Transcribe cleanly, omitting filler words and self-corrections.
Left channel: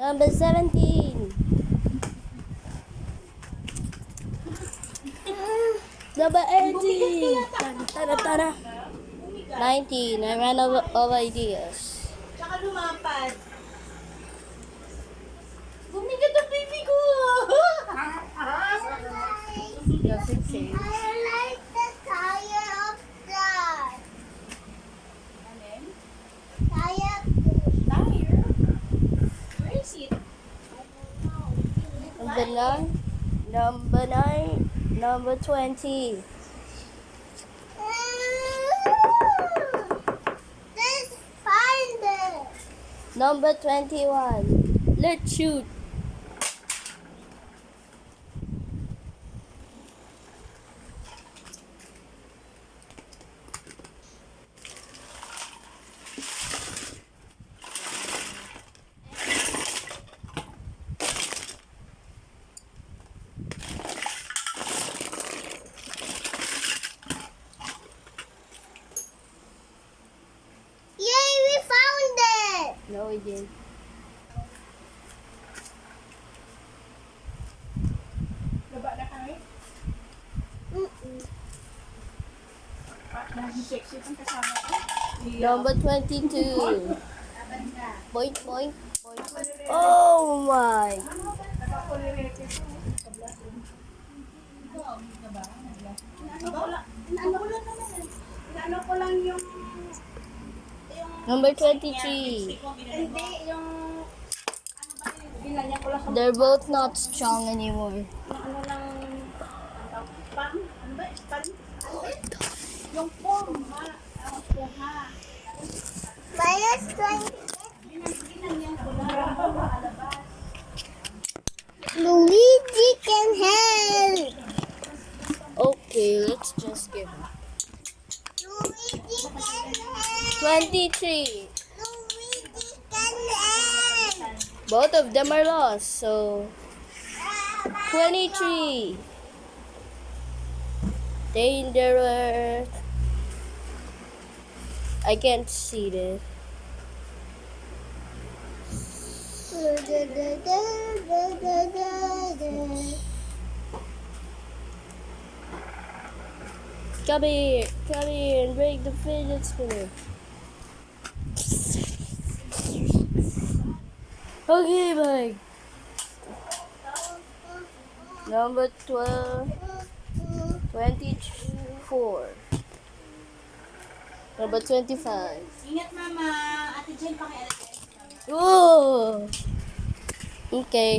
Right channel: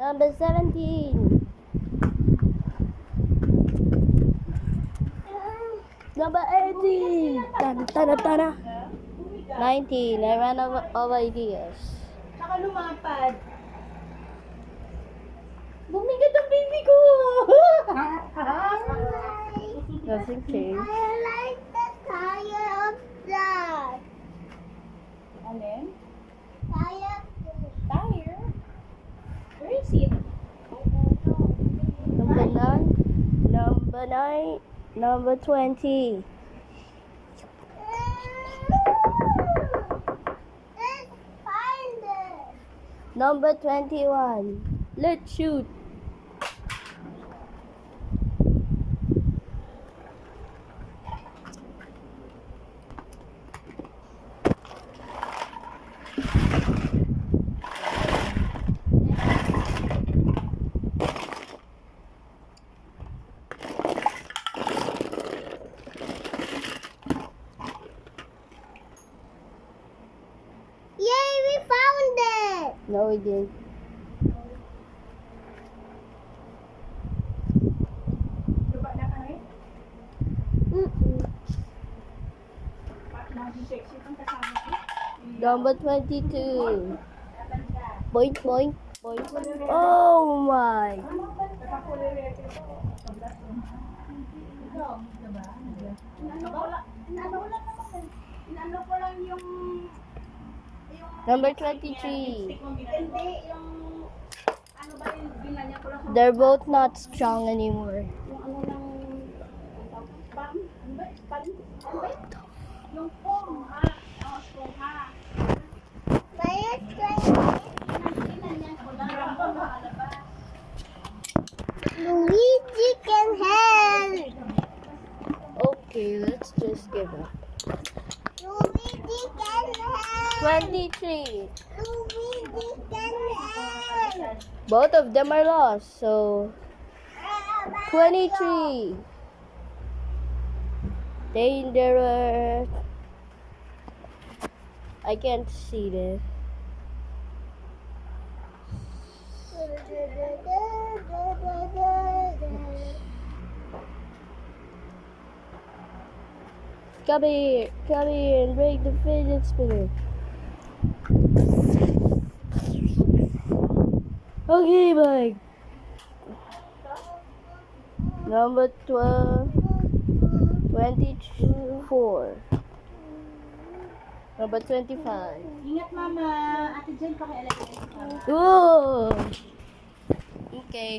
Number 17. Number 18. Tana. 19. I ran out of ideas. Tsaka lumapad. Bumigat ang baby ko! Nothing safe. I like the tire of that. Alin? Tire. Tire? Where is it? Number 9. Number 9. Number 20. Let's find it. Number 21. Let's shoot. Yay, we found it. No, we didn't. Baba na kami? Lagi sexy itong kasama ko. Number 22. Laban ka. Boink, boink, boink. Oh my. Nakakulirete ito. Ikaw, diba? Inaano ko lang naman eh. Inaano ko lang yung Number 23. hindi, yung ano ba yung ginanya ko lang sa They're both not strong anymore. yung ano lang pam? Ano ba? Pan? Ano ba yun? Yung pom ha? Ang pom ha? Minus 20. Ginanya ko lang. Alabas. Luigi can help. Okay, let's just give up. Luigi can help. 23. Luigi can help. Both of them are lost, so 23. Dangerous. I can't see this. Come here and break the fidget spinner. Okay, bye. Number 12, 24. Number 25. Ingat mama. Ate Jen, pakialagay. Oh! Okay.